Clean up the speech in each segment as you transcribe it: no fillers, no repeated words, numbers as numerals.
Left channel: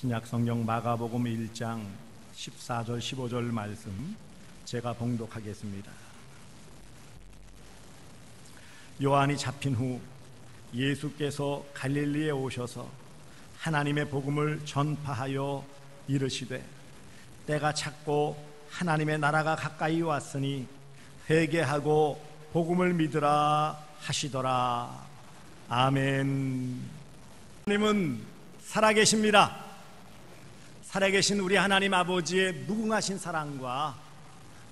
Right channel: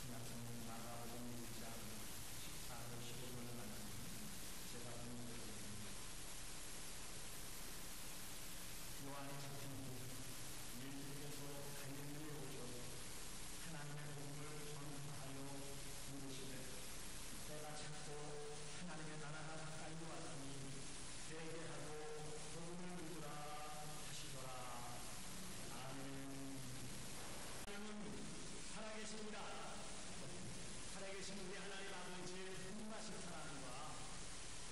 신약 성경 마가복음 1장 14절 15절 말씀 제가 봉독하겠습니다. 요한이 잡힌 후 예수께서 갈릴리에 오셔서 하나님의 복음을 전파하여 이르시되 때가 찼고 하나님의 나라가 가까이 왔으니 회개하고 복음을 믿으라 하시더라. 아멘. 하나님은 살아계십니다. 살아계신 우리 하나님 아버지의 무궁하신 사랑과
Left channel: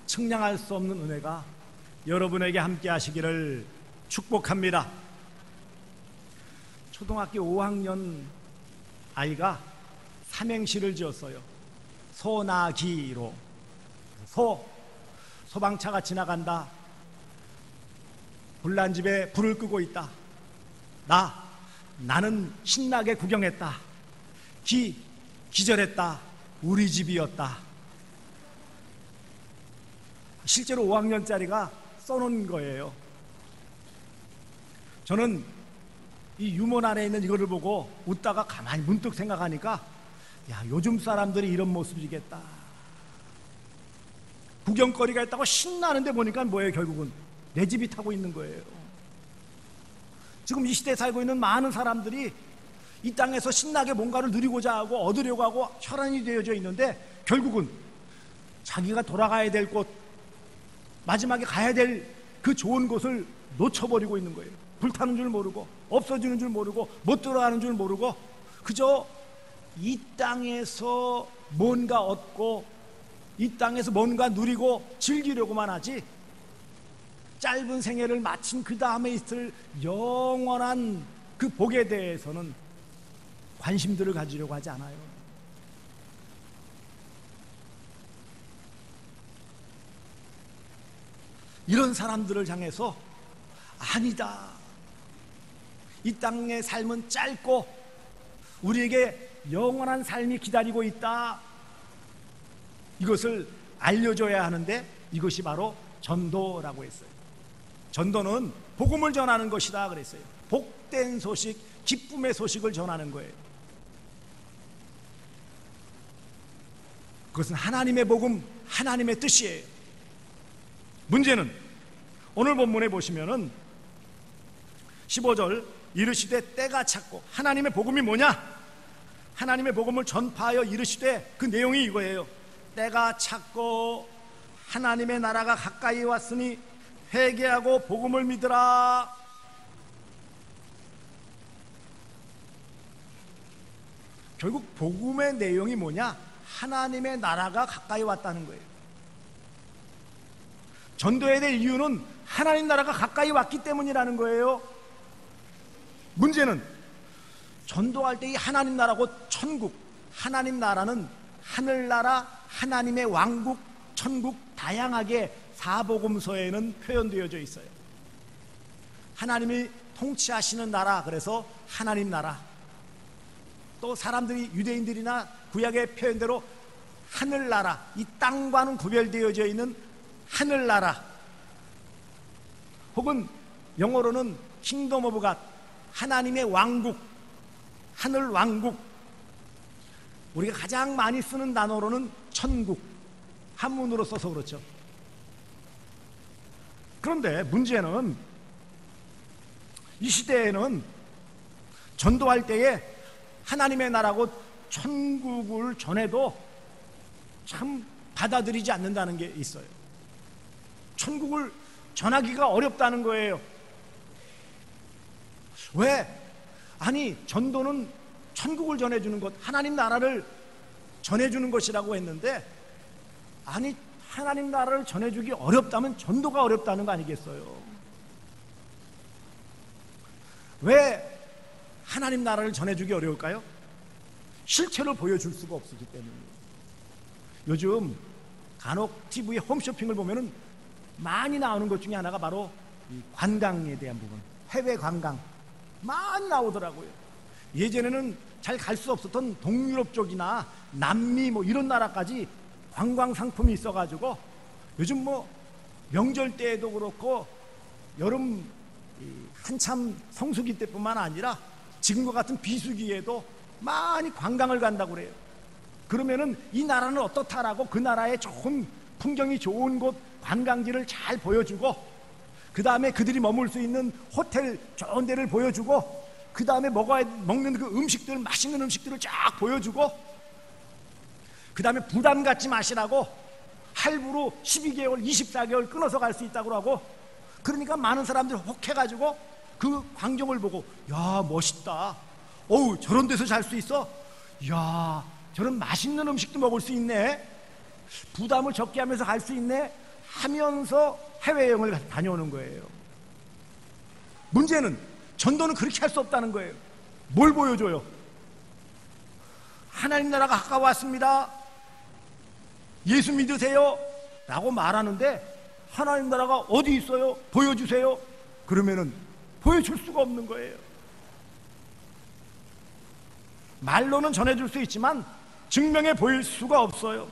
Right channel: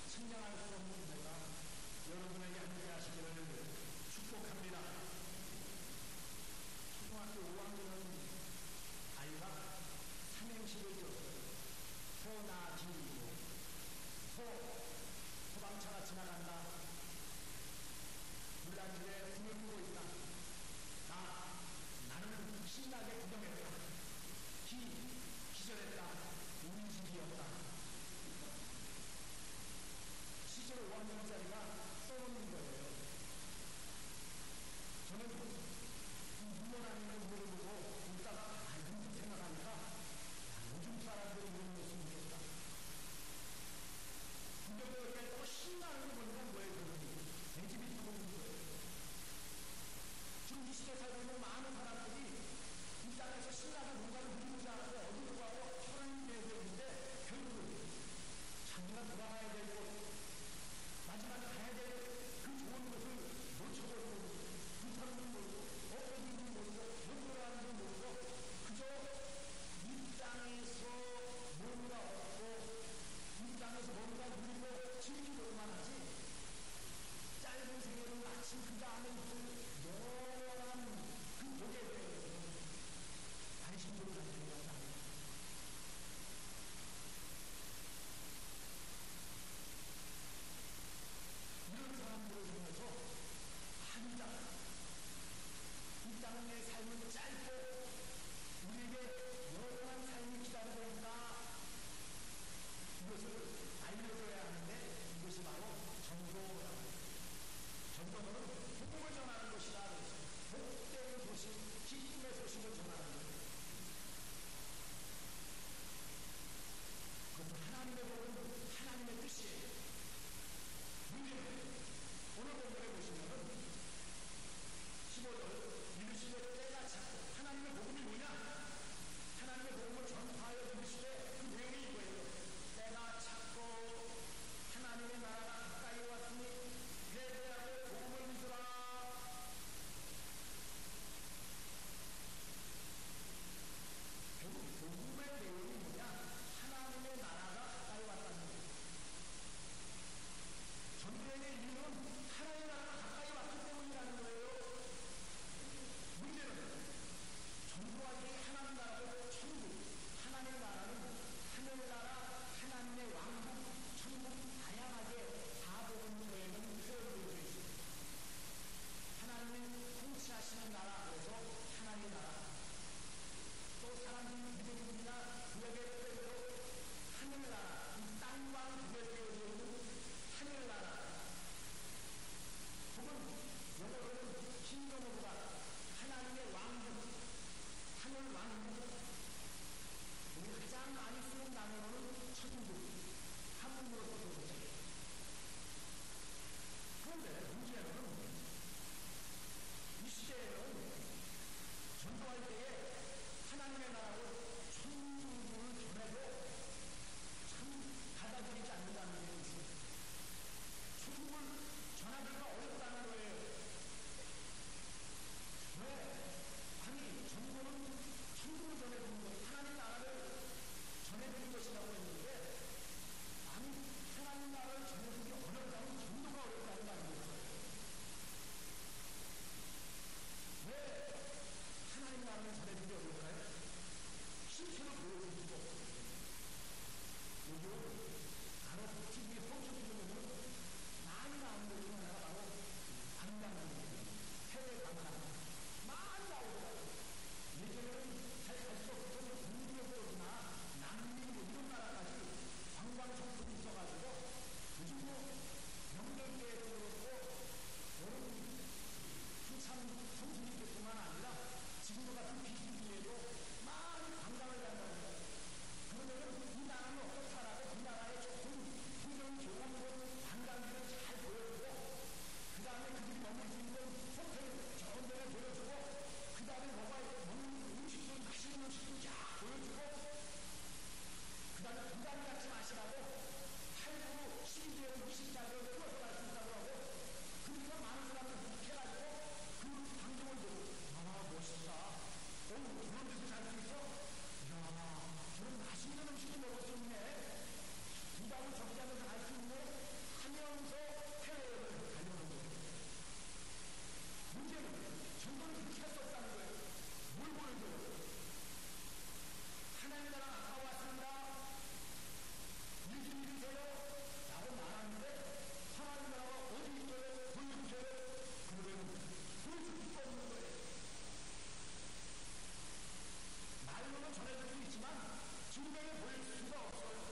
측량할 수 없는 은혜가 여러분에게 함께 하시기를 축복합니다. 초등학교 5학년 아이가 삼행시를 지었어요. 소나기로. 소방차가 지나간다. 불난 집에 불을 끄고 있다. 나는 신나게 구경했다. 기절했다. 우리 집이었다. 실제로 5학년짜리가 써놓은 거예요. 저는 이 유모란에 있는 이거를 보고 웃다가 가만히 문득 생각하니까 야, 요즘 사람들이 이런 모습이겠다. 구경거리가 있다고 신나는데 보니까 뭐예요? 결국은 내 집이 타고 있는 거예요. 지금 이 시대에 살고 있는 많은 사람들이 이 땅에서 신나게 뭔가를 누리고자 하고 얻으려고 하고 혈안이 되어져 있는데 결국은 자기가 돌아가야 될 곳, 마지막에 가야 될 그 좋은 곳을 놓쳐버리고 있는 거예요. 불타는 줄 모르고 없어지는 줄 모르고 못 들어가는 줄 모르고 그저 이 땅에서 뭔가 얻고 이 땅에서 뭔가 누리고 즐기려고만 하지 짧은 생애를 마친 그 다음에 있을 영원한 그 복에 대해서는 관심들을 가지려고 하지 않아요. 이런 사람들을 향해서 아니다. 이 땅의 삶은 짧고 우리에게 영원한 삶이 기다리고 있다. 이것을 알려줘야 하는데 이것이 바로 전도라고 했어요. 전도는 복음을 전하는 것이다 그랬어요. 복된 소식, 기쁨의 소식을 전하는 거예요. 그것은 하나님의 복음, 하나님의 뜻이에요. 문제는 오늘 본문에 보시면은 15절 이르시되 때가 찼고 하나님의 복음이 뭐냐? 하나님의 복음을 전파하여 이르시되 그 내용이 이거예요. 때가 찼고 하나님의 나라가 가까이 왔으니 회개하고 복음을 믿으라. 결국 복음의 내용이 뭐냐? 하나님의 나라가 가까이 왔다는 거예요. 전도해야 될 이유는 하나님 나라가 가까이 왔기 때문이라는 거예요. 문제는 전도할 때 이 하나님 나라고 천국, 하나님 나라는 하늘나라, 하나님의 왕국, 천국 다양하게 사복음서에는 표현되어져 있어요. 하나님이 통치하시는 나라, 그래서 하나님 나라. 또 사람들이 유대인들이나 구약의 표현대로 하늘나라, 이 땅과는 구별되어져 있는 하늘나라, 혹은 영어로는 킹덤 오브 갓, 하나님의 왕국, 하늘 왕국. 우리가 가장 많이 쓰는 단어로는 천국, 한문으로 써서 그렇죠. 그런데 문제는 이 시대에는 전도할 때에 하나님의 나라고 천국을 전해도 참 받아들이지 않는다는 게 있어요. 천국을 전하기가 어렵다는 거예요. 왜? 아니, 전도는 천국을 전해주는 것, 하나님 나라를 전해주는 것이라고 했는데, 아니, 하나님 나라를 전해주기 어렵다면 전도가 어렵다는 거 아니겠어요? 왜 하나님 나라를 전해주기 어려울까요? 실체로 보여줄 수가 없기 때문이에요. 요즘 간혹 TV에 홈쇼핑을 보면은 많이 나오는 것 중에 하나가 바로 이 관광에 대한 부분, 해외 관광 많이 나오더라고요. 예전에는 잘 갈 수 없었던 동유럽 쪽이나 남미 뭐 이런 나라까지 관광 상품이 있어가지고 요즘 뭐 명절 때에도 그렇고 여름 한참 성수기 때뿐만 아니라 지금과 같은 비수기에도 많이 관광을 간다고 그래요. 그러면은 이 나라는 어떻다라고 그 나라의 좋은 풍경이 좋은 곳 관광지를 잘 보여주고, 그 다음에 그들이 머물 수 있는 호텔 좋은 데를 보여주고, 그 다음에 먹는 그 음식들, 맛있는 음식들을 쫙 보여주고, 그 다음에 부담 갖지 마시라고 할부로 12개월 24개월 끊어서 갈 수 있다고 하고, 그러니까 많은 사람들이 혹해가지고 그 광경을 보고, 야 멋있다, 어우 저런 데서 잘 수 있어, 야 저런 맛있는 음식도 먹을 수 있네, 부담을 적게 하면서 갈 수 있네 하면서 해외여행을 다녀오는 거예요. 문제는 전도는 그렇게 할 수 없다는 거예요. 뭘 보여줘요? 하나님 나라가 가까웠습니다, 예수 믿으세요 라고 말하는데, 하나님 나라가 어디 있어요? 보여주세요. 그러면은 보여줄 수가 없는 거예요. 말로는 전해줄 수 있지만 증명해 보일 수가 없어요.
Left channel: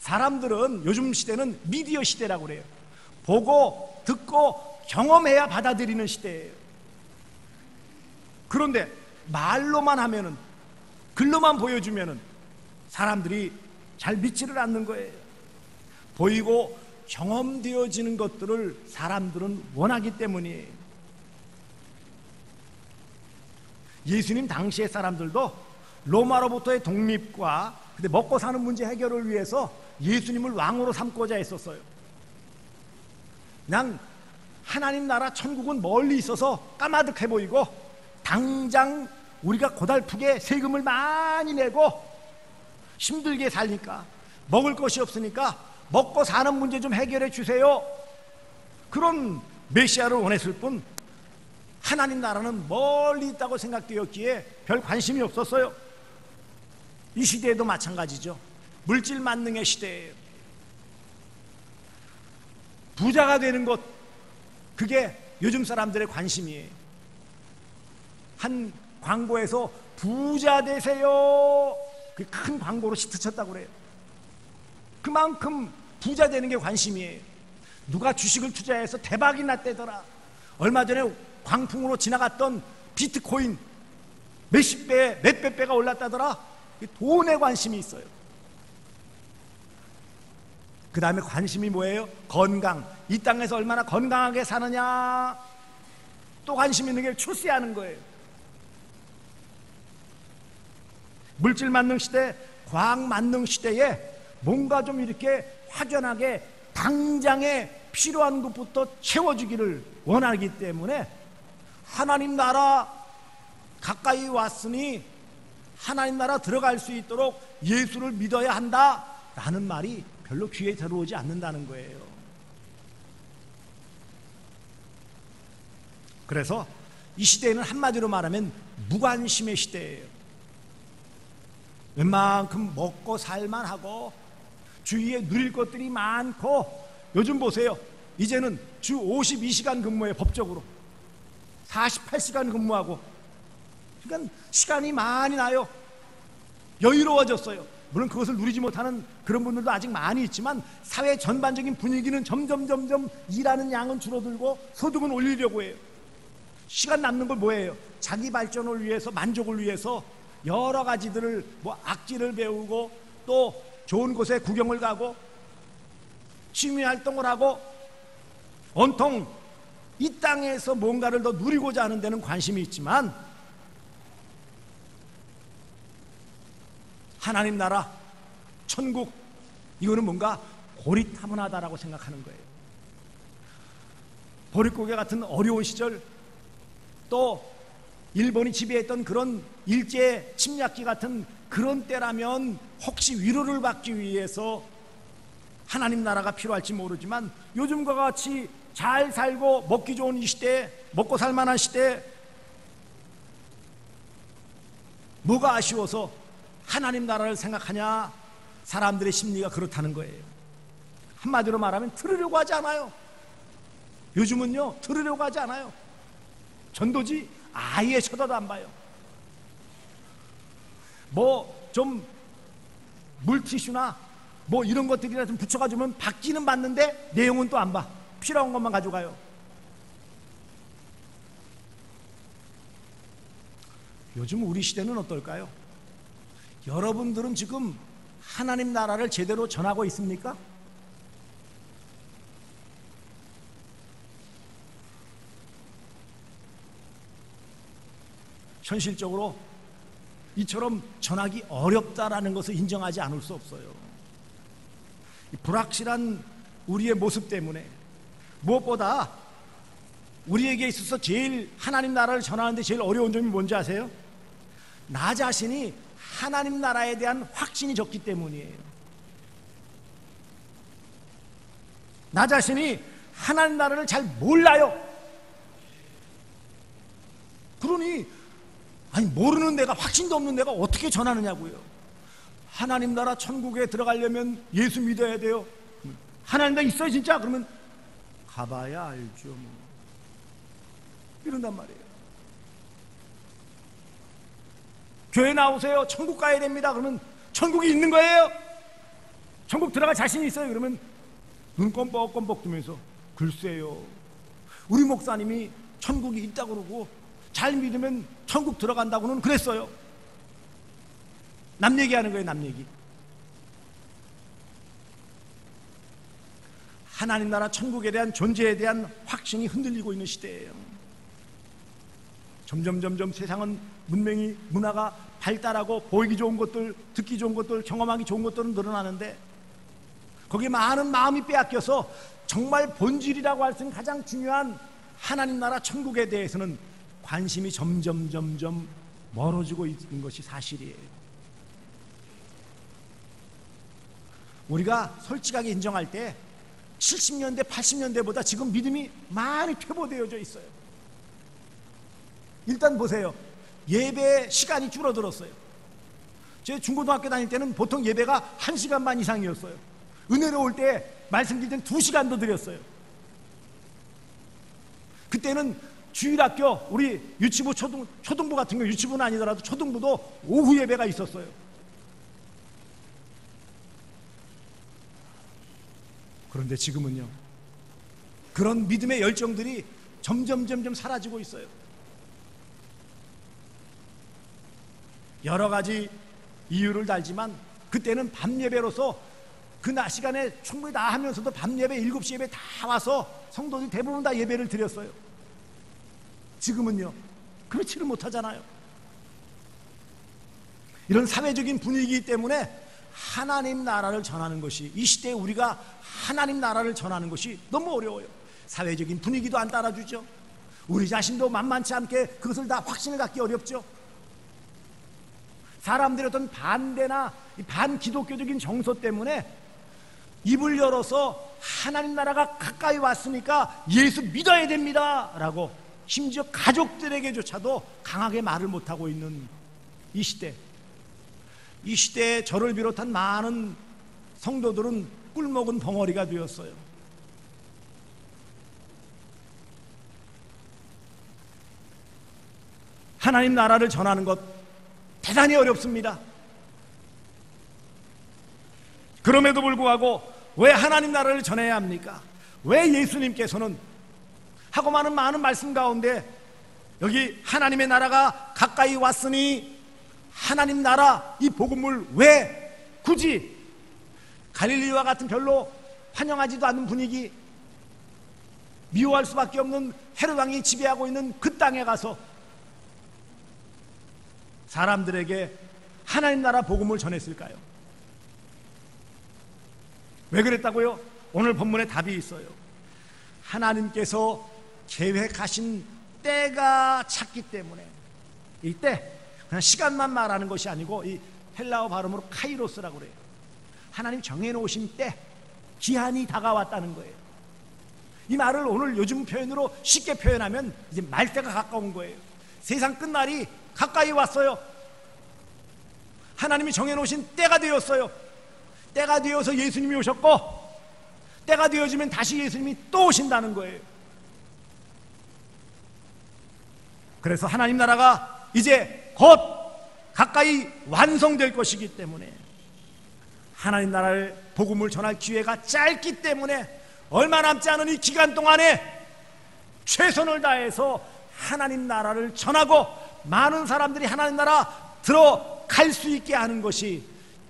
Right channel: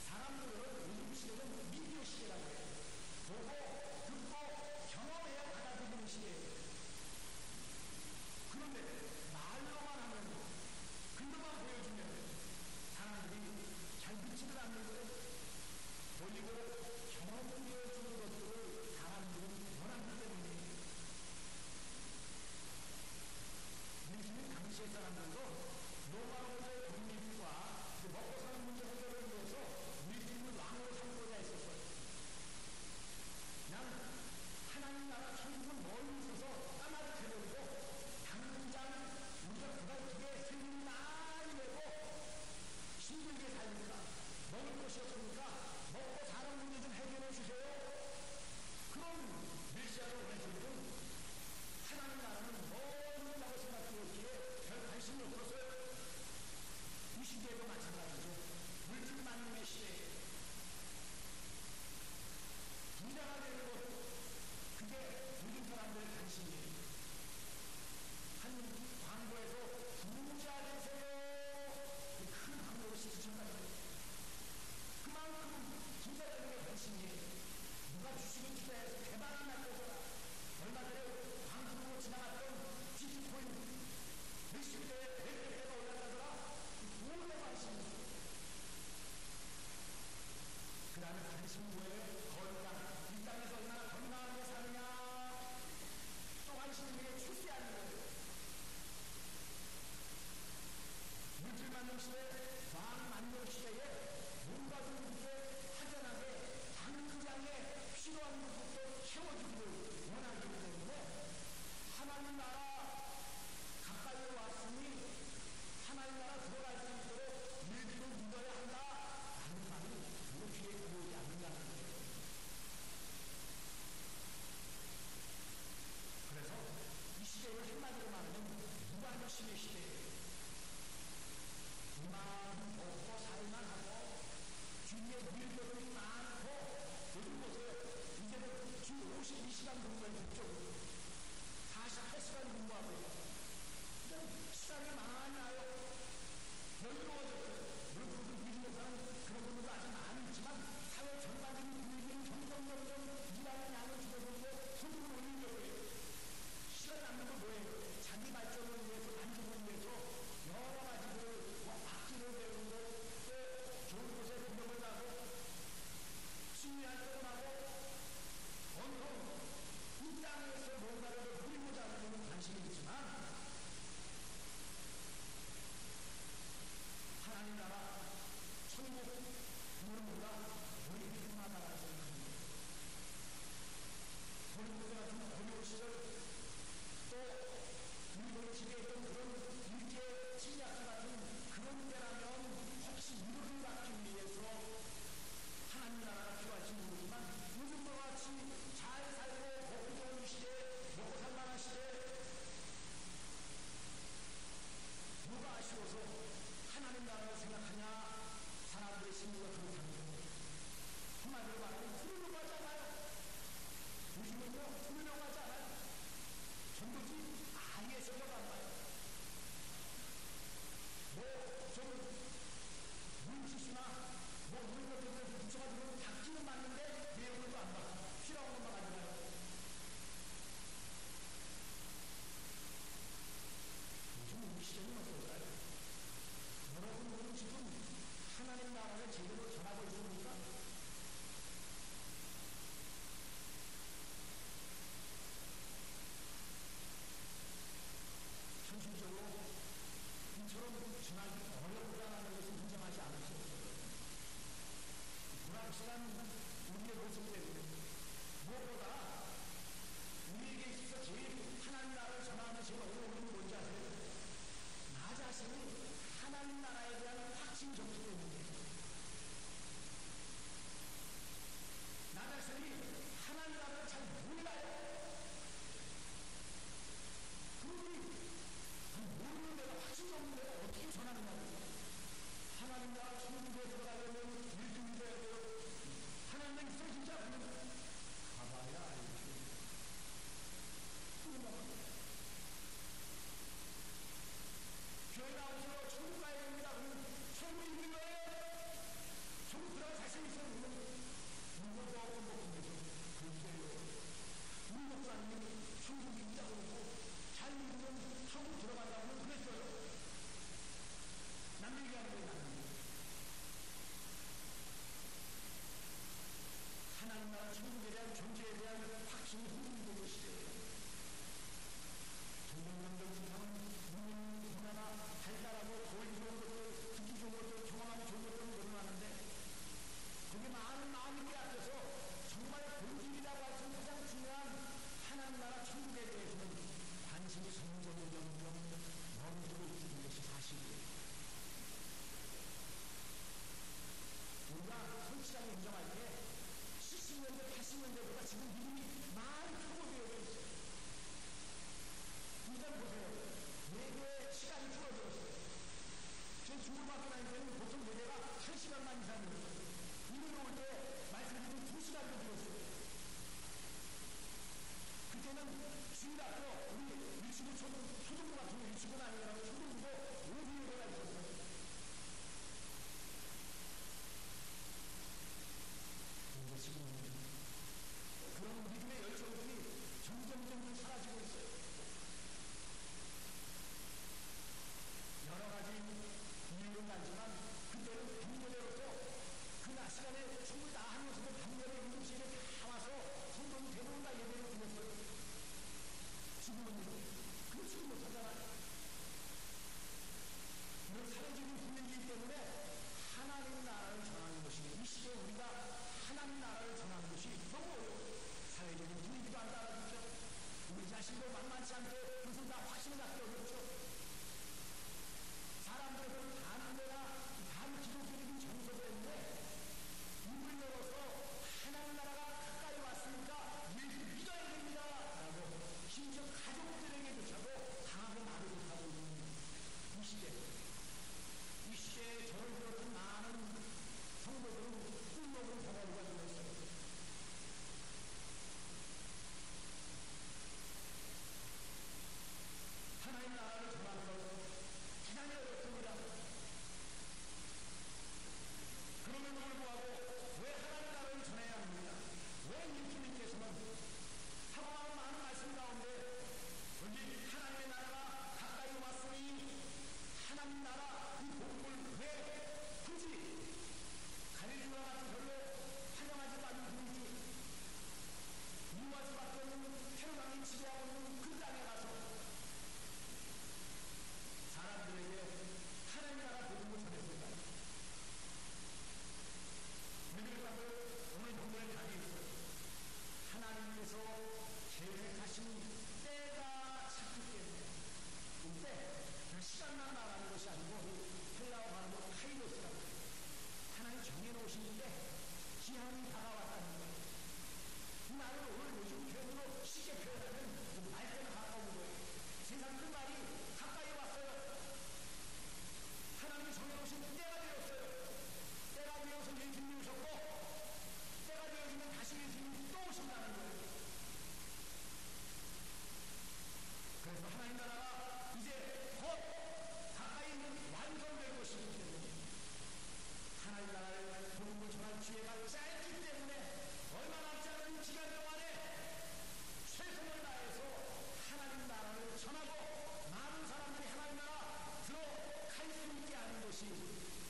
사람들은 요즘 시대는 미디어 시대라고 그래요. 보고 듣고 경험해야 받아들이는 시대예요. 그런데 말로만 하면은, 글로만 보여주면은 사람들이 잘 믿지를 않는 거예요. 보이고 경험되어지는 것들을 사람들은 원하기 때문이에요. 예수님 당시의 사람들도 로마로부터의 독립과 근데 먹고 사는 문제 해결을 위해서 예수님을 왕으로 삼고자 했었어요. 그냥 하나님 나라 천국은 멀리 있어서 까마득해 보이고, 당장 우리가 고달프게 세금을 많이 내고 힘들게 살니까 먹을 것이 없으니까 먹고 사는 문제 좀 해결해 주세요, 그런 메시아를 원했을 뿐 하나님 나라는 멀리 있다고 생각되었기에 별 관심이 없었어요. 이 시대에도 마찬가지죠. 물질 만능의 시대예요. 부자가 되는 것, 그게 요즘 사람들의 관심이에요. 한 광고에서 부자 되세요, 그 큰 광고로 히트쳤다고 그래요. 그만큼 부자 되는 게 관심이에요. 누가 주식을 투자해서 대박이 났대더라. 얼마 전에 광풍으로 지나갔던 비트코인 몇십 배, 몇백 배가 올랐다더라. 돈에 관심이 있어요. 그 다음에 관심이 뭐예요? 건강. 이 땅에서 얼마나 건강하게 사느냐. 또 관심 있는 게 출세하는 거예요. 물질 만능 시대, 과학 만능 시대에 뭔가 좀 이렇게 확연하게 당장에 필요한 것부터 채워주기를 원하기 때문에, 하나님 나라 가까이 왔으니 하나님 나라 들어갈 수 있도록 예수를 믿어야 한다 라는 말이 별로 귀에 들어오지 않는다는 거예요. 그래서 이 시대에는 한마디로 말하면 무관심의 시대예요. 웬만큼 먹고 살만 하고 주위에 누릴 것들이 많고, 요즘 보세요, 이제는 주 52시간 근무에 법적으로 48시간 근무하고, 그러니까 시간이 많이 나요. 여유로워졌어요. 물론 그것을 누리지 못하는 그런 분들도 아직 많이 있지만, 사회 전반적인 분위기는 점점 일하는 양은 줄어들고 소득은 올리려고 해요. 시간 남는 걸 뭐예요? 자기 발전을 위해서, 만족을 위해서 여러 가지들을, 뭐 악기를 배우고 또 좋은 곳에 구경을 가고 취미 활동을 하고, 온통 이 땅에서 뭔가를 더 누리고자 하는 데는 관심이 있지만, 하나님 나라, 천국, 이거는 뭔가 고리타분하다라고 생각하는 거예요. 보릿고개 같은 어려운 시절, 또 일본이 지배했던 그런 일제 침략기 같은 그런 때라면 혹시 위로를 받기 위해서 하나님 나라가 필요할지 모르지만, 요즘과 같이 잘 살고 먹기 좋은 이 시대에, 먹고 살만한 시대에 뭐가 아쉬워서 하나님 나라를 생각하냐? 사람들의 심리가 그렇다는 거예요. 한마디로 말하면 들으려고 하지 않아요. 요즘은요, 들으려고 하지 않아요. 전도지 아예 쳐다도 안 봐요. 뭐 좀 물티슈나 뭐 이런 것들이나 좀 붙여가지고 받기는 받는데 내용은 또 안 봐. 필요한 것만 가져가요. 요즘 우리 시대는 어떨까요? 여러분들은 지금 하나님 나라를 제대로 전하고 있습니까? 현실적으로 이처럼 전하기 어렵다라는 것을 인정하지 않을 수 없어요. 이 불확실한 우리의 모습 때문에 무엇보다 우리에게 있어서 제일 하나님 나라를 전하는데 제일 어려운 점이 뭔지 아세요? 나 자신이 하나님 나라에 대한 확신이 적기 때문이에요. 나 자신이 하나님 나라를 잘 몰라요. 그러니 모르는 내가, 확신도 없는 내가 어떻게 전하느냐고요. 하나님 나라 천국에 들어가려면 예수 믿어야 돼요. 하나님 나라 있어요 진짜? 그러면 가봐야 알죠 뭐. 이런단 말이에요. 교회 나오세요. 천국 가야 됩니다. 그러면 천국이 있는 거예요? 천국 들어갈 자신이 있어요? 그러면 눈 껌뻑껌뻑 뜨면서 글쎄요, 우리 목사님이 천국이 있다고 그러고 잘 믿으면 천국 들어간다고는 그랬어요. 남 얘기하는 거예요, 남 얘기. 하나님 나라 천국에 대한 존재에 대한 확신이 흔들리고 있는 시대예요. 점점 세상은 문명이, 문화가 발달하고 보이기 좋은 것들, 듣기 좋은 것들, 경험하기 좋은 것들은 늘어나는데 거기에 많은 마음이 빼앗겨서 정말 본질이라고 할 수 있는 가장 중요한 하나님 나라 천국에 대해서는 관심이 점점 멀어지고 있는 것이 사실이에요. 우리가 솔직하게 인정할 때 70년대, 80년대보다 지금 믿음이 많이 퇴보되어져 있어요. 일단 보세요. 예배 시간이 줄어들었어요. 제 중고등학교 다닐 때는 보통 예배가 1시간 반 이상이었어요. 은혜로 올 때 말씀드릴 때는 2시간도 드렸어요. 그때는 주일학교, 우리 유치부, 초등부 같은 경우, 유치부는 아니더라도 초등부도 오후 예배가 있었어요. 그런데 지금은요, 그런 믿음의 열정들이 점점 사라지고 있어요. 여러 가지 이유를 달지만 그때는 밤 예배로서 그 낮 시간에 충분히 다 하면서도 밤 예배 7시 예배 다 와서 성도들이 대부분 다 예배를 드렸어요. 지금은요, 그렇지를 못하잖아요. 이런 사회적인 분위기 때문에 하나님 나라를 전하는 것이, 이 시대에 우리가 하나님 나라를 전하는 것이 너무 어려워요. 사회적인 분위기도 안 따라주죠. 우리 자신도 만만치 않게 그것을 다 확신을 갖기 어렵죠. 사람들의 어떤 반대나 반기독교적인 정서 때문에 입을 열어서 하나님 나라가 가까이 왔으니까 예수 믿어야 됩니다 라고 심지어 가족들에게조차도 강하게 말을 못하고 있는 이 시대, 이 시대에 저를 비롯한 많은 성도들은 꿀먹은 벙어리가 되었어요. 하나님 나라를 전하는 것 대단히 어렵습니다. 그럼에도 불구하고 왜 하나님 나라를 전해야 합니까? 왜 예수님께서는 하고 많은 말씀 가운데 여기 하나님의 나라가 가까이 왔으니 하나님 나라, 이 복음을 왜 굳이 갈릴리와 같은 별로 환영하지도 않는 분위기, 미워할 수밖에 없는 헤롯 왕이 지배하고 있는 그 땅에 가서 사람들에게 하나님 나라 복음을 전했을까요? 왜 그랬다고요? 오늘 본문에 답이 있어요. 하나님께서 계획하신 때가 찼기 때문에. 이 때, 그냥 시간만 말하는 것이 아니고 이 헬라어 발음으로 카이로스라고 그래요. 하나님 정해놓으신 때, 기한이 다가왔다는 거예요. 이 말을 오늘 요즘 표현으로 쉽게 표현하면 이제 말때가 가까운 거예요. 세상 끝날이 가까이 왔어요. 하나님이 정해놓으신 때가 되었어요. 때가 되어서 예수님이 오셨고, 때가 되어지면 다시 예수님이 또 오신다는 거예요. 그래서 하나님 나라가 이제 곧 가까이 완성될 것이기 때문에, 하나님 나라를 복음을 전할 기회가 짧기 때문에 얼마 남지 않은 이 기간 동안에 최선을 다해서 하나님 나라를 전하고 많은 사람들이 하나님 나라 들어갈 수 있게 하는 것이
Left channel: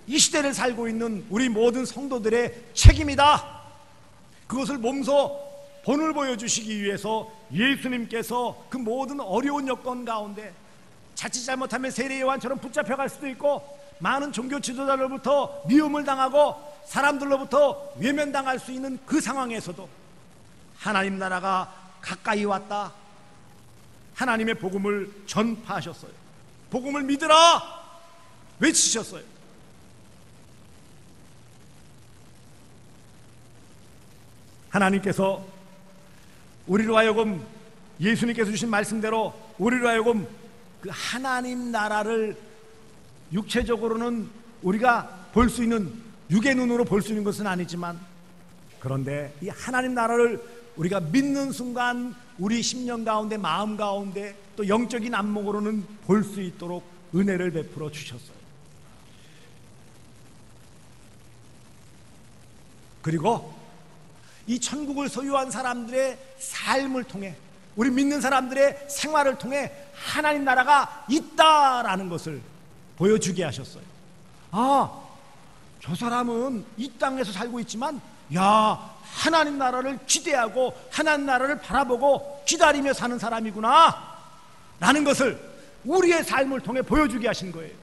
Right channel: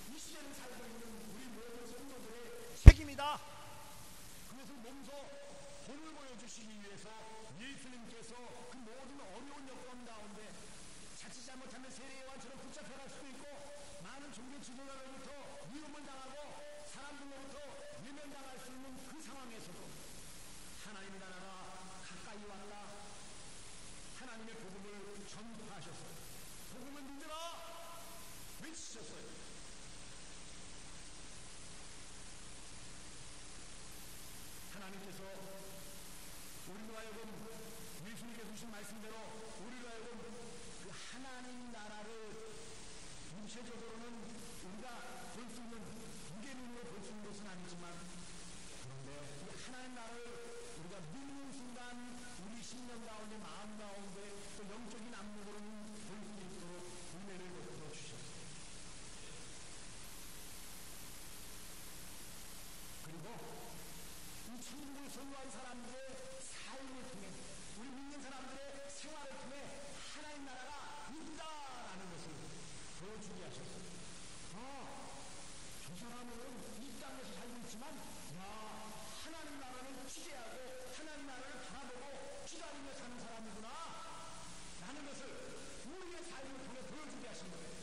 이 시대를 살고 있는 우리 모든 성도들의 책임이다. 그것을 몸소 본을 보여주시기 위해서 예수님께서 그 모든 어려운 여건 가운데 자칫 잘못하면 세례 요한처럼 붙잡혀갈 수도 있고 많은 종교 지도자로부터 미움을 당하고 사람들로부터 외면당할 수 있는 그 상황에서도 하나님 나라가 가까이 왔다. 하나님의 복음을 전파하셨어요. 복음을 믿으라 외치셨어요. 하나님께서 우리로 하여금 예수님께서 주신 말씀대로 우리로 하여금 그 하나님 나라를 육체적으로는 우리가 볼 수 있는 육의 눈으로 볼 수 있는 것은 아니지만 그런데 이 하나님 나라를 우리가 믿는 순간 우리 심령 가운데 마음 가운데 또 영적인 안목으로는 볼 수 있도록 은혜를 베풀어 주셨어요. 그리고 이 천국을 소유한 사람들의 삶을 통해 우리 믿는 사람들의 생활을 통해 하나님 나라가 있다라는 것을 보여주게 하셨어요. 아, 저 사람은 이 땅에서 살고 있지만 야, 하나님 나라를 기대하고 하나님 나라를 바라보고 기다리며 사는 사람이구나 라는 것을 우리의 삶을 통해 보여주게 하신 거예요.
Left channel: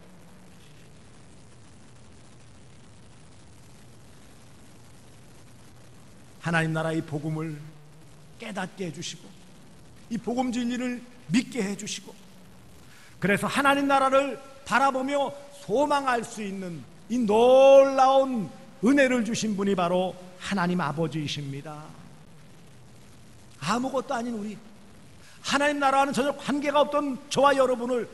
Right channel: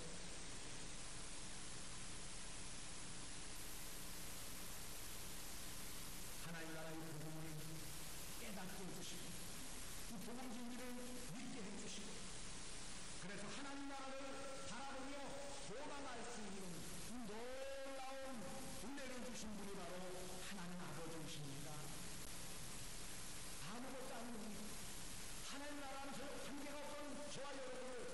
하나님 나라의 복음을 깨닫게 해주시고 이 복음 진리를 믿게 해주시고 그래서 하나님 나라를 바라보며 소망할 수 있는 이 놀라운 은혜를 주신 분이 바로 하나님 아버지이십니다. 아무것도 아닌 우리 하나님 나라와는 전혀 관계가 없던 저와 여러분을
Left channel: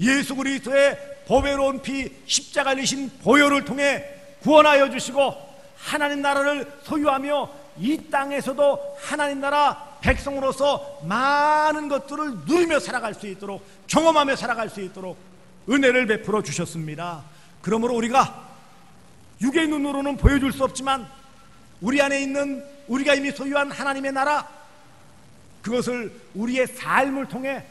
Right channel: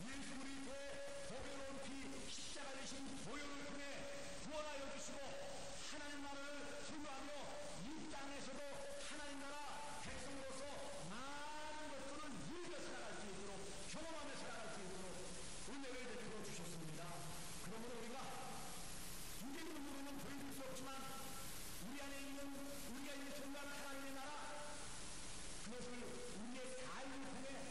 예수 그리스도의 보배로운 피 십자가를 지신 보혈을 통해 구원하여 주시고 하나님 나라를 소유하며 이 땅에서도 하나님 나라 백성으로서 많은 것들을 누리며 살아갈 수 있도록 경험하며 살아갈 수 있도록 은혜를 베풀어 주셨습니다. 그러므로 우리가 육의 눈으로는 보여줄 수 없지만 우리 안에 있는 우리가 이미 소유한 하나님의 나라 그것을 우리의 삶을 통해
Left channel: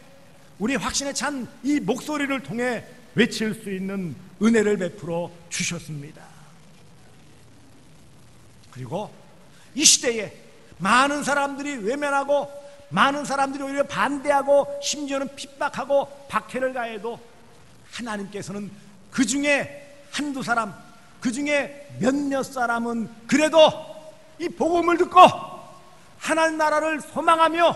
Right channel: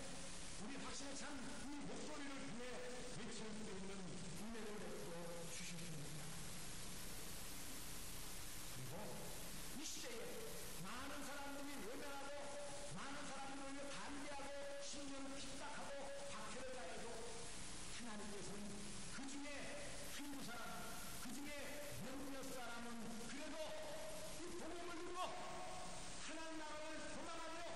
우리 확신에 찬 이 목소리를 통해 외칠 수 있는 은혜를 베풀어 주셨습니다. 그리고 이 시대에 많은 사람들이 외면하고 많은 사람들이 오히려 반대하고 심지어는 핍박하고 박해를 가해도 하나님께서는 그 중에 한두 사람 그 중에 몇몇 사람은 그래도 이 복음을 듣고 하나님 나라를 소망하며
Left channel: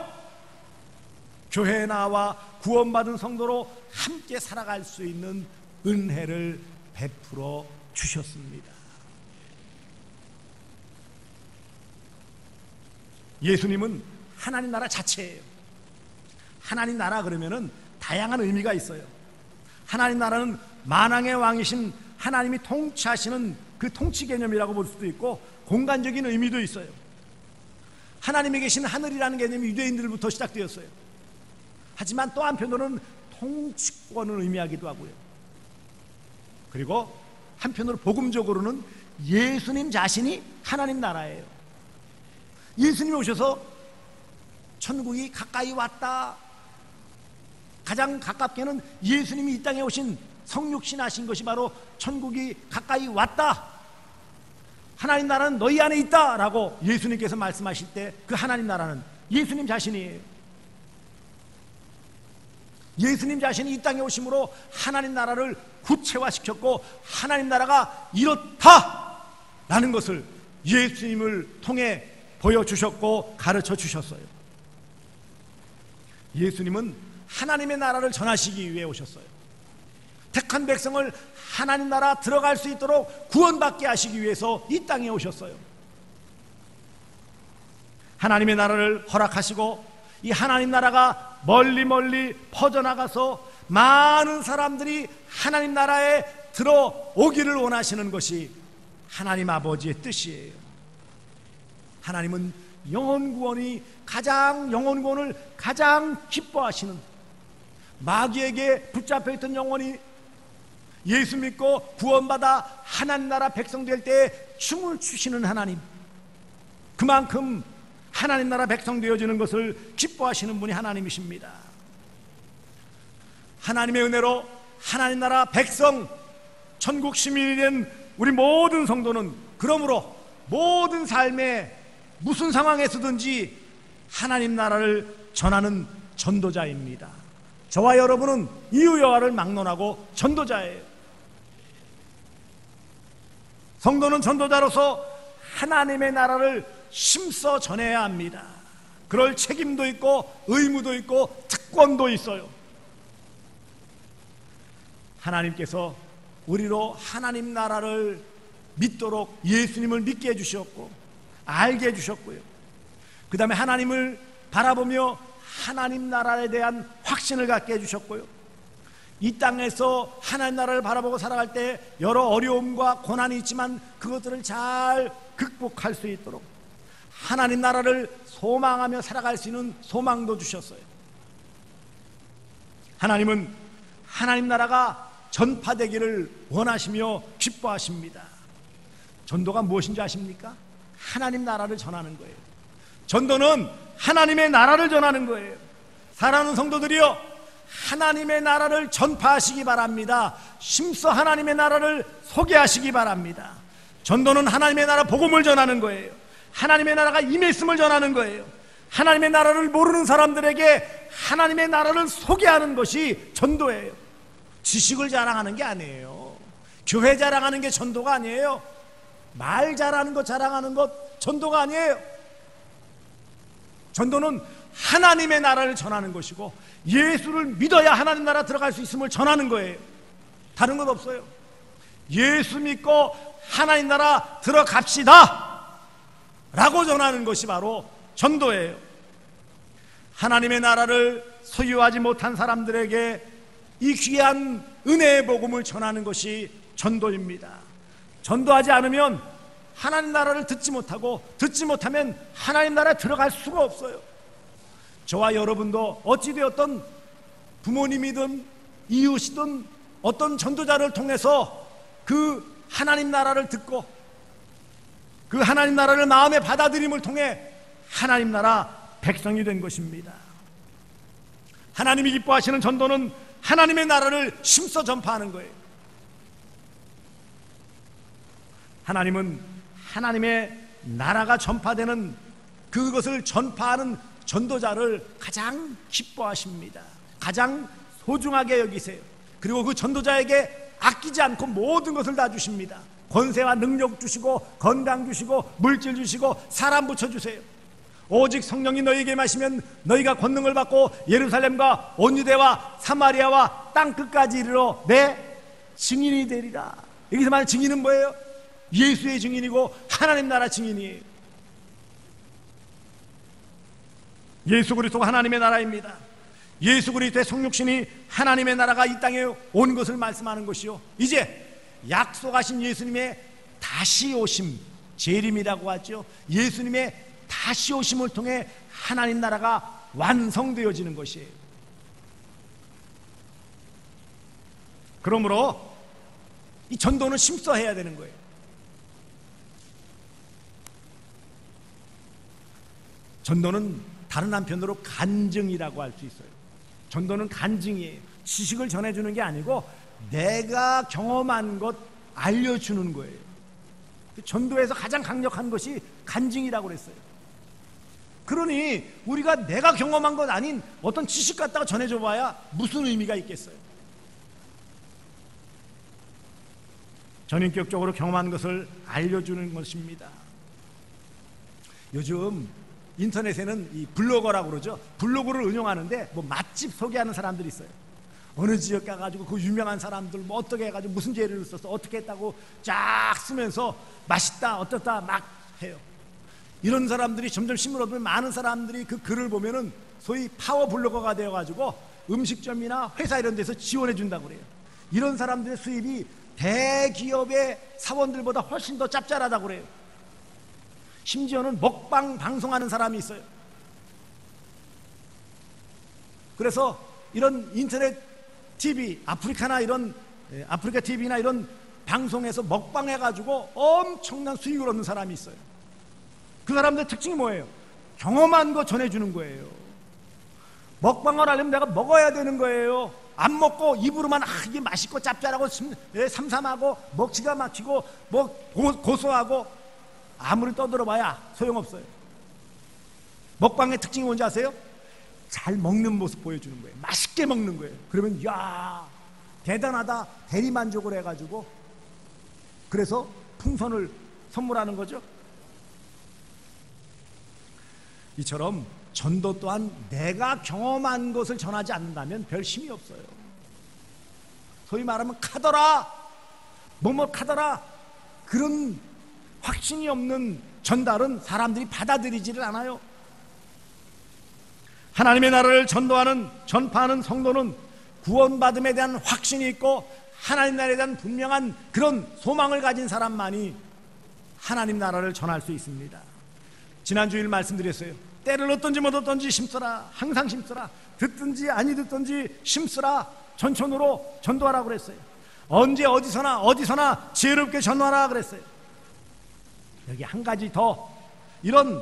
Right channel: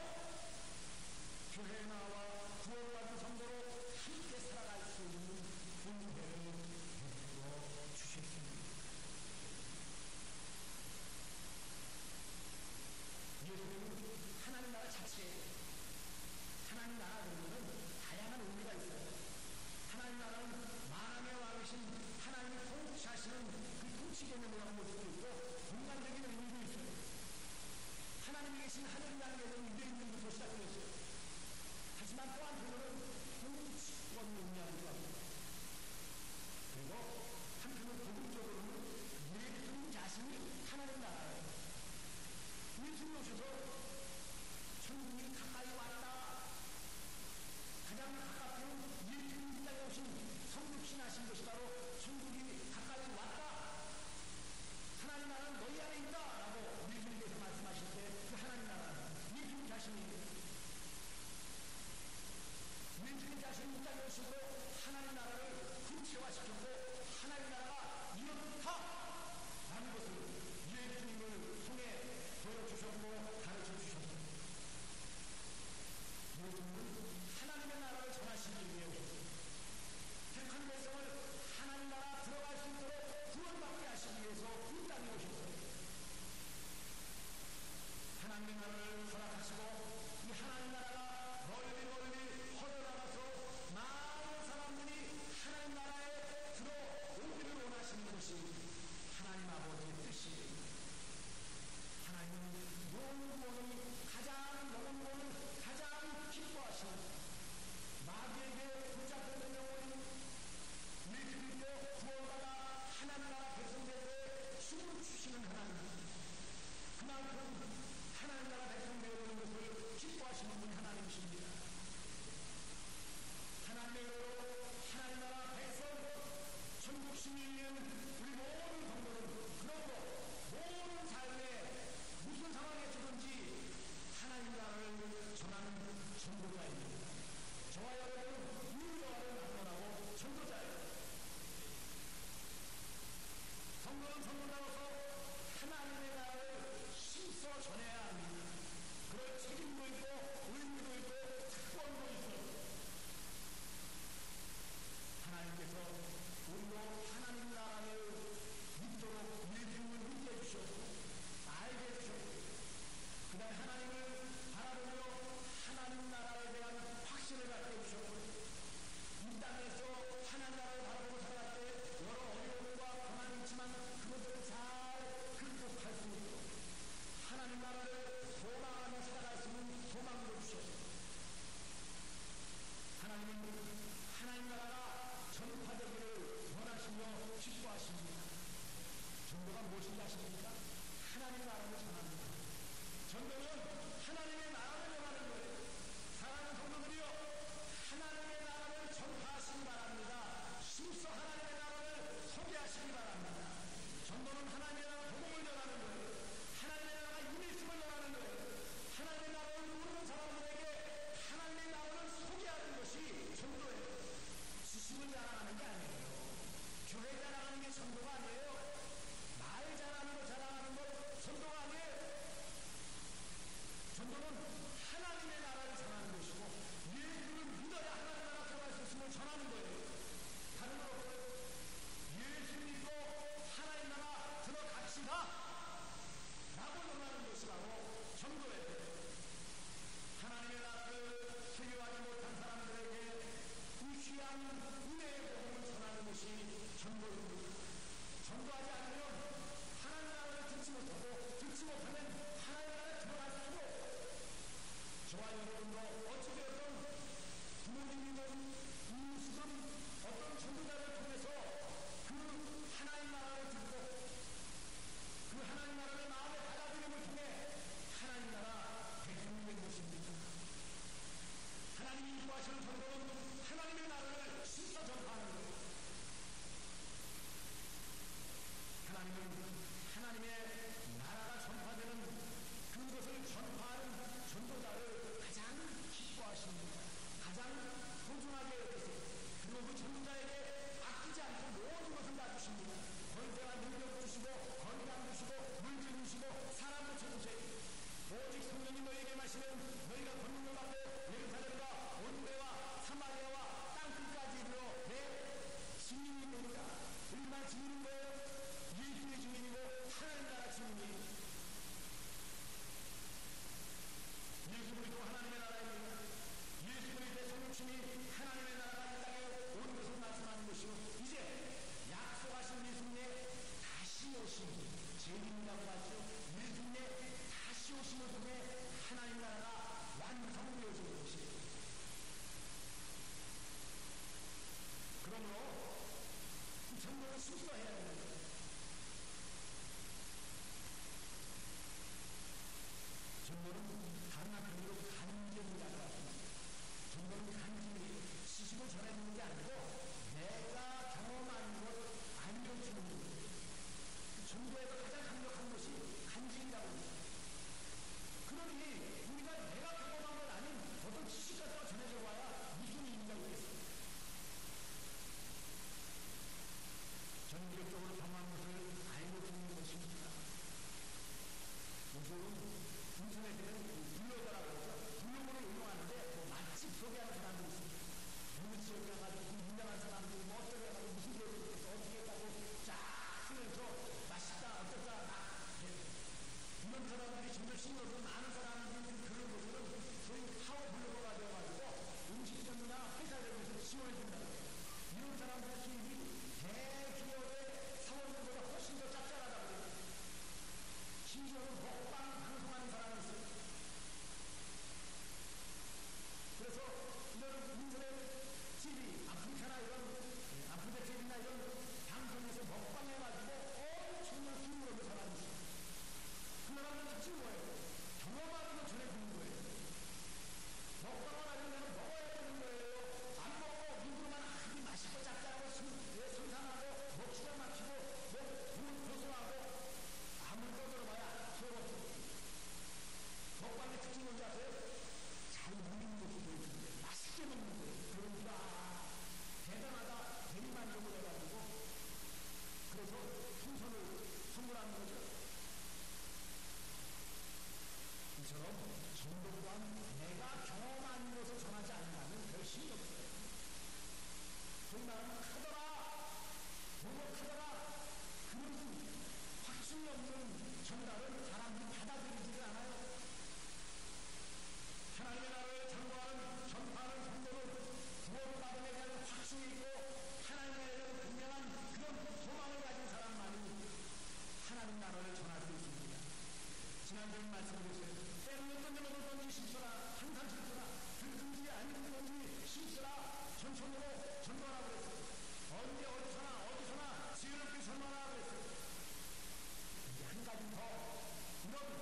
교회에 나와 구원받은 성도로 함께 살아갈 수 있는 은혜를 베풀어 주셨습니다. 예수님은 하나님 나라 자체예요. 하나님 나라 그러면은 다양한 의미가 있어요. 하나님 나라는 만왕의 왕이신 하나님이 통치하시는 그 통치 개념이라고 볼 수도 있고 공간적인 의미도 있어요. 하나님이 계신 하늘이라는 개념이 유대인들부터 시작되었어요. 하지만 또 한편으로는 통치권을 의미하기도 하고요. 그리고 한편으로 복음적으로는 예수님 자신이 하나님 나라예요. 예수님이 오셔서 천국이 가까이 왔다. 가장 가깝게는 예수님이 이 땅에 오신 성육신 하신 것이 바로 천국이 가까이 왔다. 하나님 나라는 너희 안에 있다 라고 예수님께서 말씀하실 때 그 하나님 나라는 예수님 자신이에요. 예수님 자신이 이 땅에 오심으로 하나님 나라를 구체화시켰고 하나님 나라가 이렇다 라는 것을 예수님을 통해 보여주셨고 가르쳐 주셨어요. 예수님은 하나님의 나라를 전하시기 위해 오셨어요. 택한 백성을 하나님 나라 들어갈 수 있도록 구원받게 하시기 위해서 이 땅에 오셨어요. 하나님의 나라를 허락하시고 이 하나님 나라가 멀리 멀리 퍼져나가서 많은 사람들이 하나님 나라에 들어오기를 원하시는 것이 하나님 아버지의 뜻이에요. 하나님은 영혼구원이 영혼구원을 가장 기뻐하시는 마귀에게 붙잡혀있던 영혼이 예수 믿고 구원받아 하나님 나라 백성 될 때 춤을 추시는 하나님, 그만큼 하나님 나라 백성 되어지는 것을 기뻐하시는 분이 하나님이십니다. 하나님의 은혜로 하나님 나라 백성, 천국 시민이 된 우리 모든 성도는 그러므로 모든 삶에 무슨 상황에서든지 하나님 나라를 전하는 전도자입니다. 저와 여러분은 이유 여하를 막론하고 전도자예요. 성도는 전도자로서 하나님의 나라를 힘써 전해야 합니다. 그럴 책임도 있고 의무도 있고 특권도 있어요. 하나님께서 우리로 하나님 나라를 믿도록 예수님을 믿게 해주셨고 알게 해주셨고요. 그 다음에 하나님을 바라보며 하나님 나라에 대한 확신을 갖게 해주셨고요. 이 땅에서 하나님 나라를 바라보고 살아갈 때 여러 어려움과 고난이 있지만 그것들을 잘 극복할 수 있도록 하나님 나라를 소망하며 살아갈 수 있는 소망도 주셨어요. 하나님은 하나님 나라가 전파되기를 원하시며 기뻐하십니다. 전도가 무엇인지 아십니까? 하나님 나라를 전하는 거예요. 전도는 하나님의 나라를 전하는 거예요. 사랑하는 성도들이여, 하나님의 나라를 전파하시기 바랍니다. 힘써 하나님의 나라를 소개하시기 바랍니다. 전도는 하나님의 나라 복음을 전하는 거예요. 하나님의 나라가 임했음을 전하는 거예요. 하나님의 나라를 모르는 사람들에게 하나님의 나라를 소개하는 것이 전도예요. 지식을 자랑하는 게 아니에요. 교회 자랑하는 게 전도가 아니에요. 말 잘하는 것 자랑하는 것 전도가 아니에요. 전도는 하나님의 나라를 전하는 것이고 예수를 믿어야 하나님 나라 들어갈 수 있음을 전하는 거예요. 다른 것 없어요. 예수 믿고 하나님 나라 들어갑시다 라고 전하는 것이 바로 전도예요. 하나님의 나라를 소유하지 못한 사람들에게 이 귀한 은혜의 복음을 전하는 것이 전도입니다. 전도하지 않으면 하나님 나라를 듣지 못하고 듣지 못하면 하나님 나라에 들어갈 수가 없어요. 저와 여러분도 어찌되었던 부모님이든 이웃이든 어떤 전도자를 통해서 그 하나님 나라를 듣고 그 하나님 나라를 마음에 받아들임을 통해 하나님 나라 백성이 된 것입니다. 하나님이 기뻐하시는 전도는 하나님의 나라를 힘써 전파하는 거예요. 하나님은 하나님의 나라가 전파되는 그것을 전파하는 전도자를 가장 기뻐하십니다. 가장 소중하게 여기세요. 그리고 그 전도자에게 아끼지 않고 모든 것을 다 주십니다. 권세와 능력 주시고 건강 주시고 물질 주시고 사람 붙여주세요. 오직 성령이 너희에게 마시면 너희가 권능을 받고 예루살렘과 온 유대와 사마리아와 땅끝까지 이르러 내 증인이 되리라. 여기서 말하는 증인은 뭐예요? 예수의 증인이고 하나님 나라 증인이에요. 예수 그리스도가 하나님의 나라입니다. 예수 그리스도의 성육신이 하나님의 나라가 이 땅에 온 것을 말씀하는 것이요, 이제 약속하신 예수님의 다시 오심, 재림이라고 하죠. 예수님의 다시 오심을 통해 하나님 나라가 완성되어지는 것이에요. 그러므로 이 전도는 힘써 해야 되는 거예요. 전도는 다른 한편으로 간증이라고 할 수 있어요. 전도는 간증이에요. 지식을 전해주는 게 아니고 내가 경험한 것 알려주는 거예요. 전도에서 가장 강력한 것이 간증이라고 그랬어요. 그러니 우리가 내가 경험한 것 아닌 어떤 지식 갖다가 전해줘 봐야 무슨 의미가 있겠어요. 전인격적으로 경험한 것을 알려주는 것입니다. 요즘 인터넷에는 이 블로거라고 그러죠. 블로그를 운영하는데 뭐 맛집 소개하는 사람들이 있어요. 어느 지역 가가지고 그 유명한 사람들 뭐 어떻게 해가지고 무슨 재료를 써서 어떻게 했다고 쫙 쓰면서 맛있다 어떻다 막 해요. 이런 사람들이 점점 힘을 얻으면 많은 사람들이 그 글을 보면은 소위 파워 블로거가 되어가지고 음식점이나 회사 이런 데서 지원해 준다고 그래요. 이런 사람들의 수입이 대기업의 사원들보다 훨씬 더 짭짤하다고 그래요. 심지어는 먹방 방송하는 사람이 있어요. 그래서 이런 인터넷 TV, 아프리카 TV나 이런 방송에서 먹방 해가지고 엄청난 수익을 얻는 사람이 있어요. 그 사람들의 특징이 뭐예요? 경험한 거 전해주는 거예요. 먹방을 하려면 내가 먹어야 되는 거예요. 안 먹고 입으로만 이게 맛있고 짭짤하고 삼삼하고 먹기가 막히고 뭐 고소하고 아무리 떠들어봐야 소용없어요. 먹방의 특징이 뭔지 아세요? 잘 먹는 모습 보여주는 거예요. 맛있게 먹는 거예요. 그러면 야 대단하다 대리만족을 해가지고 그래서 풍선을 선물하는 거죠. 이처럼 전도 또한 내가 경험한 것을 전하지 않는다면 별 힘이 없어요. 소위 말하면 카더라 뭐뭐 카더라 그런 확신이 없는 전달은 사람들이 받아들이지를 않아요. 하나님의 나라를 전파하는 성도는 구원받음에 대한 확신이 있고 하나님 나라에 대한 분명한 그런 소망을 가진 사람만이 하나님 나라를 전할 수 있습니다. 지난 주일 말씀드렸어요. 때를 얻든지 못 얻든지 심쓰라. 항상 심쓰라. 듣든지 아니 듣든지 심쓰라. 전천후로 전도하라고 그랬어요. 언제 어디서나 지혜롭게 전도하라 그랬어요. 여기 한 가지 더, 이런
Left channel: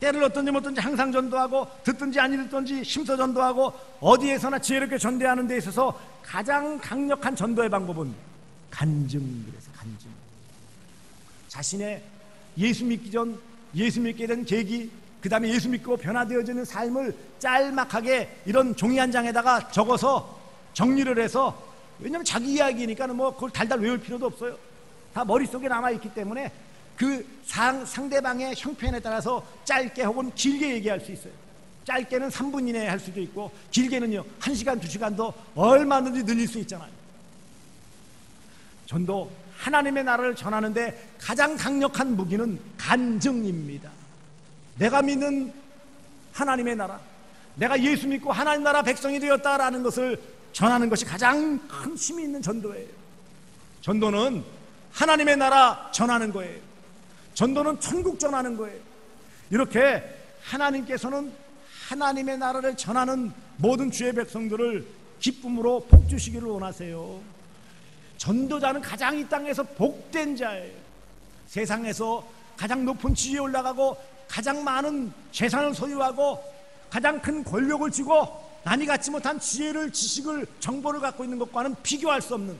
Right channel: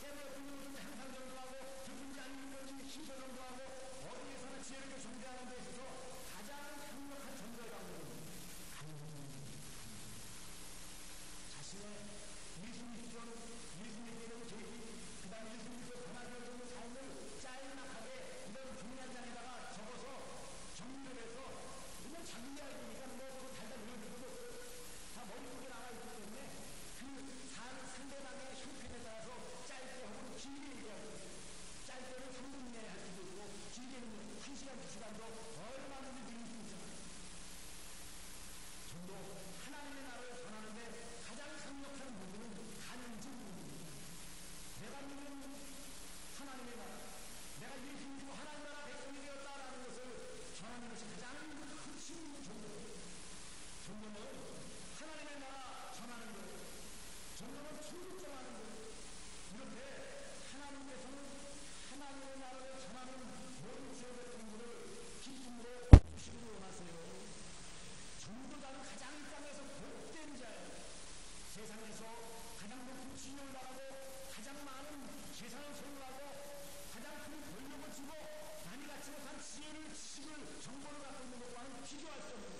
때를 얻든지 못 얻든지 항상 전도하고 듣든지 아니 듣든지 심써 전도하고 어디에서나 지혜롭게 전도하는 데 있어서 가장 강력한 전도의 방법은 간증. 그래서 간증. 자신의 예수 믿기 전 예수 믿게 된 계기, 그 다음에 예수 믿고 변화되어지는 삶을 짤막하게 이런 종이 한 장에다가 적어서 정리를 해서, 왜냐하면 자기 이야기니까 뭐 그걸 달달 외울 필요도 없어요. 다 머릿속에 남아있기 때문에 그 상대방의 형편에 따라서 짧게 혹은 길게 얘기할 수 있어요. 짧게는 3분 이내에 할 수도 있고 길게는요 1시간 2시간도 얼마든지 늘릴 수 있잖아요. 전도 하나님의 나라를 전하는데 가장 강력한 무기는 간증입니다. 내가 믿는 하나님의 나라, 내가 예수 믿고 하나님 나라 백성이 되었다라는 것을 전하는 것이 가장 큰 힘이 있는 전도예요. 전도는 하나님의 나라 전하는 거예요. 전도는 천국 전하는 거예요. 이렇게 하나님께서는 하나님의 나라를 전하는 모든 주의 백성들을 기쁨으로 복 주시기를 원하세요. 전도자는 가장 이 땅에서 복된 자예요. 세상에서 가장 높은 지위에 올라가고 가장 많은 재산을 소유하고 가장 큰 권력을 쥐고 남이 갖지 못한 지혜를, 지식을, 정보를 갖고 있는 것과는 비교할 수 없는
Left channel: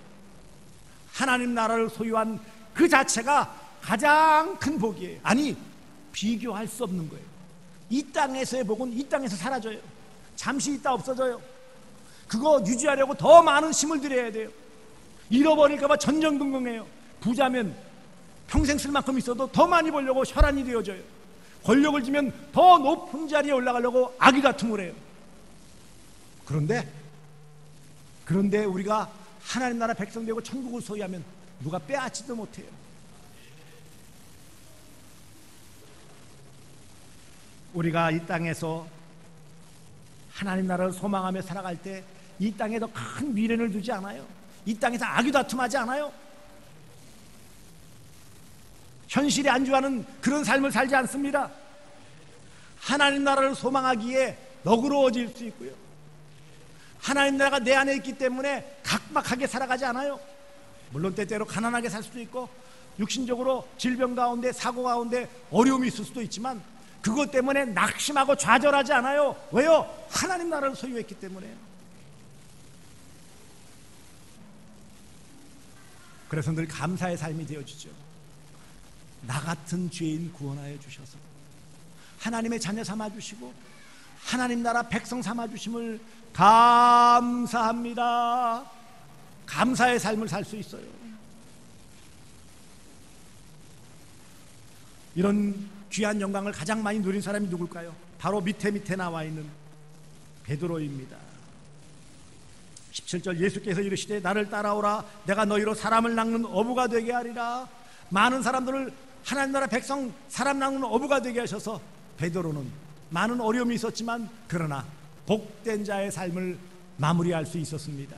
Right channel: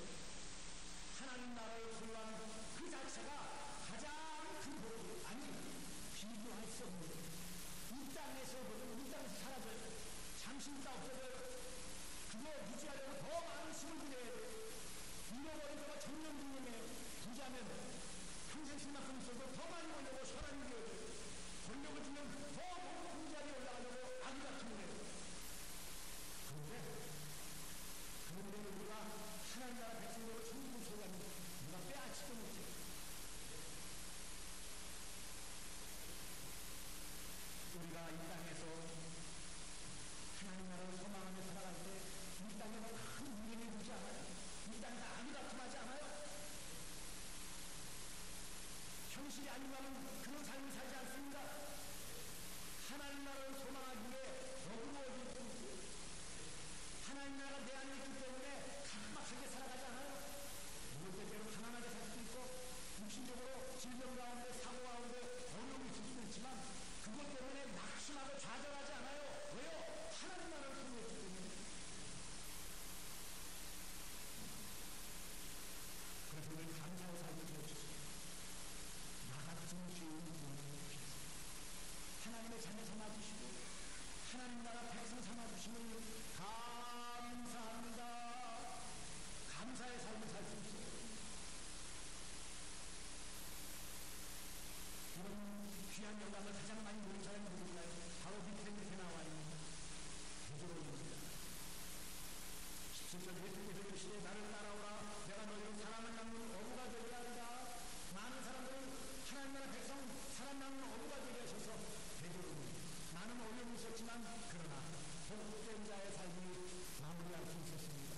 하나님 나라를 소유한 그 자체가 가장 큰 복이에요. 아니, 비교할 수 없는 거예요. 이 땅에서의 복은 이 땅에서 사라져요. 잠시 있다 없어져요. 그거 유지하려고 더 많은 힘을 들여야 돼요. 잃어버릴까봐 전전긍긍해요. 부자면 평생 쓸 만큼 있어도 더 많이 벌려고 혈안이 되어져요. 권력을 쥐면 더 높은 자리에 올라가려고 아귀다툼을 해요. 그런데 우리가 하나님 나라 백성 되고 천국을 소유하면 누가 빼앗지도 못해요. 우리가 이 땅에서 하나님 나라를 소망하며 살아갈 때 이 땅에 더 큰 미련을 두지 않아요. 이 땅에서 아귀다툼하지 않아요. 현실에 안주하는 그런 삶을 살지 않습니다. 하나님 나라를 소망하기에 너그러워질 수 있고요. 하나님 나라가 내 안에 있기 때문에 각박하게 살아가지 않아요. 물론 때때로 가난하게 살 수도 있고 육신적으로 질병 가운데, 사고 가운데 어려움이 있을 수도 있지만 그것 때문에 낙심하고 좌절하지 않아요. 왜요? 하나님 나라를 소유했기 때문에. 그래서 늘 감사의 삶이 되어지죠. 나 같은 죄인 구원하여 주셔서 하나님의 자녀 삼아주시고 하나님 나라 백성 삼아주심을 감사합니다. 감사의 삶을 살 수 있어요. 이런 귀한 영광을 가장 많이 누린 사람이 누굴까요? 바로 밑에 나와 있는 베드로입니다. 17절, 예수께서 이르시되 나를 따라오라. 내가 너희로 사람을 낚는 어부가 되게 하리라. 많은 사람들을 하나님 나라 백성 사람 낚는 어부가 되게 하셔서 베드로는 많은 어려움이 있었지만 그러나 복된 자의 삶을 마무리할 수 있었습니다.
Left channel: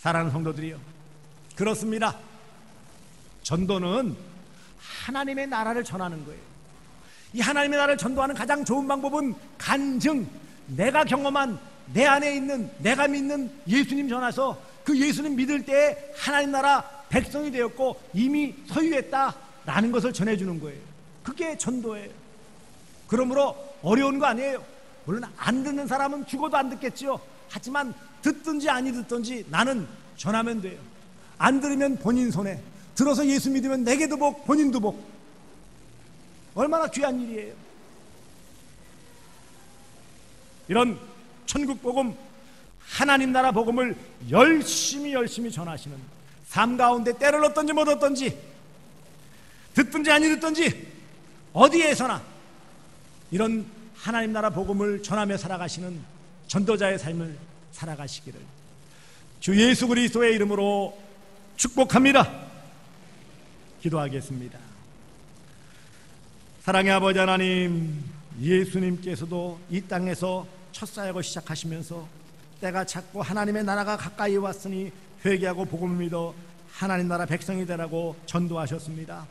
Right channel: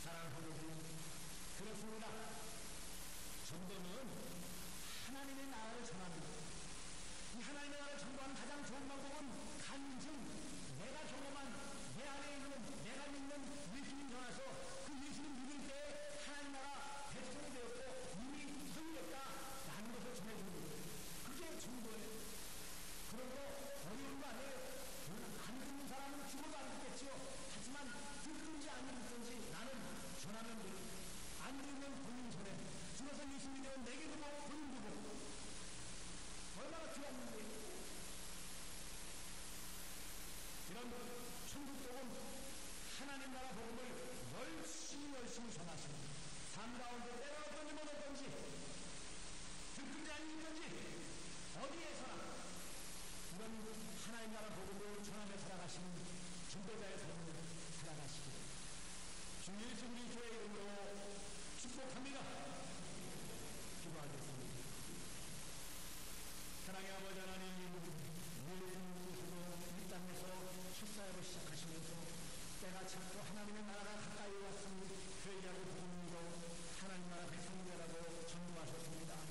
사랑하는 성도들이요, 그렇습니다. 전도는 하나님의 나라를 전하는 거예요. 이 하나님의 나라를 전도하는 가장 좋은 방법은 간증, 내가 경험한 내 안에 있는 내가 믿는 예수님 전해서 그 예수님 믿을 때에 하나님 나라 백성이 되었고 이미 소유했다라는 것을 전해주는 거예요. 그게 전도예요. 그러므로 어려운 거 아니에요. 물론 안 듣는 사람은 죽어도 안 듣겠지요. 하지만 듣든지 아니 듣든지 나는 전하면 돼요. 안 들으면 본인 손해, 들어서 예수 믿으면 내게도 복, 본인도 복. 얼마나 귀한 일이에요. 이런 천국 복음, 하나님 나라 복음을 열심히 전하시는 삶 가운데 때를 얻든지 못 얻든지, 듣든지 아니 듣든지 어디에서나 이런 하나님 나라 복음을 전하며 살아가시는 전도자의 삶을 살아가시기를 주 예수 그리스도의 이름으로 축복합니다. 기도하겠습니다. 사랑의 아버지 하나님, 예수님께서도 이 땅에서 첫 사역을 시작하시면서 때가 찼고 하나님의 나라가 가까이 왔으니 회개하고 복음을 믿어 하나님 나라 백성이 되라고 전도하셨습니다.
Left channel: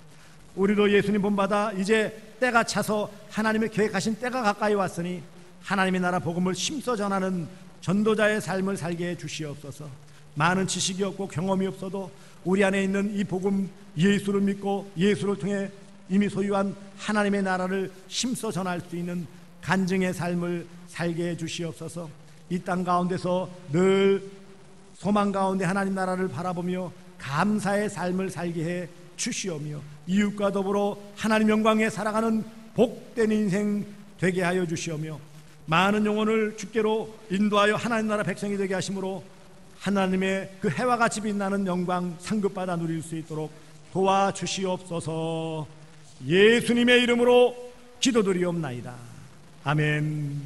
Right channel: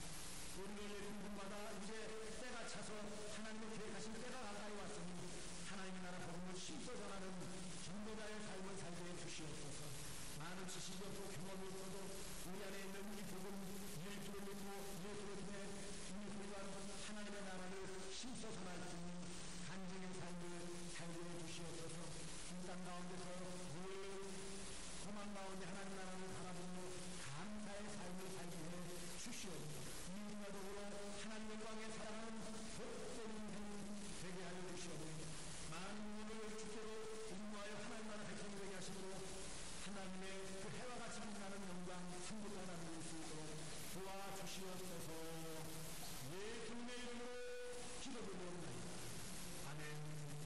우리도 예수님 본받아 이제 때가 차서 하나님의 계획하신 때가 가까이 왔으니 하나님의 나라 복음을 힘써 전하는 전도자의 삶을 살게 해 주시옵소서. 많은 지식이 없고 경험이 없어도 우리 안에 있는 이 복음, 예수를 믿고 예수를 통해 이미 소유한 하나님의 나라를 힘써 전할 수 있는 간증의 삶을 살게 해 주시옵소서. 이 땅 가운데서 늘 소망 가운데 하나님 나라를 바라보며 감사의 삶을 살게 해 주시오며 이웃과 더불어 하나님 영광에 살아가는 복된 인생 되게 하여 주시오며 많은 영혼을 주께로 인도하여 하나님 나라 백성이 되게 하심으로 하나님의 그 해와 같이 빛나는 영광 상급받아 누릴 수 있도록 도와주시옵소서. 예수님의 이름으로 기도드리옵나이다. 아멘.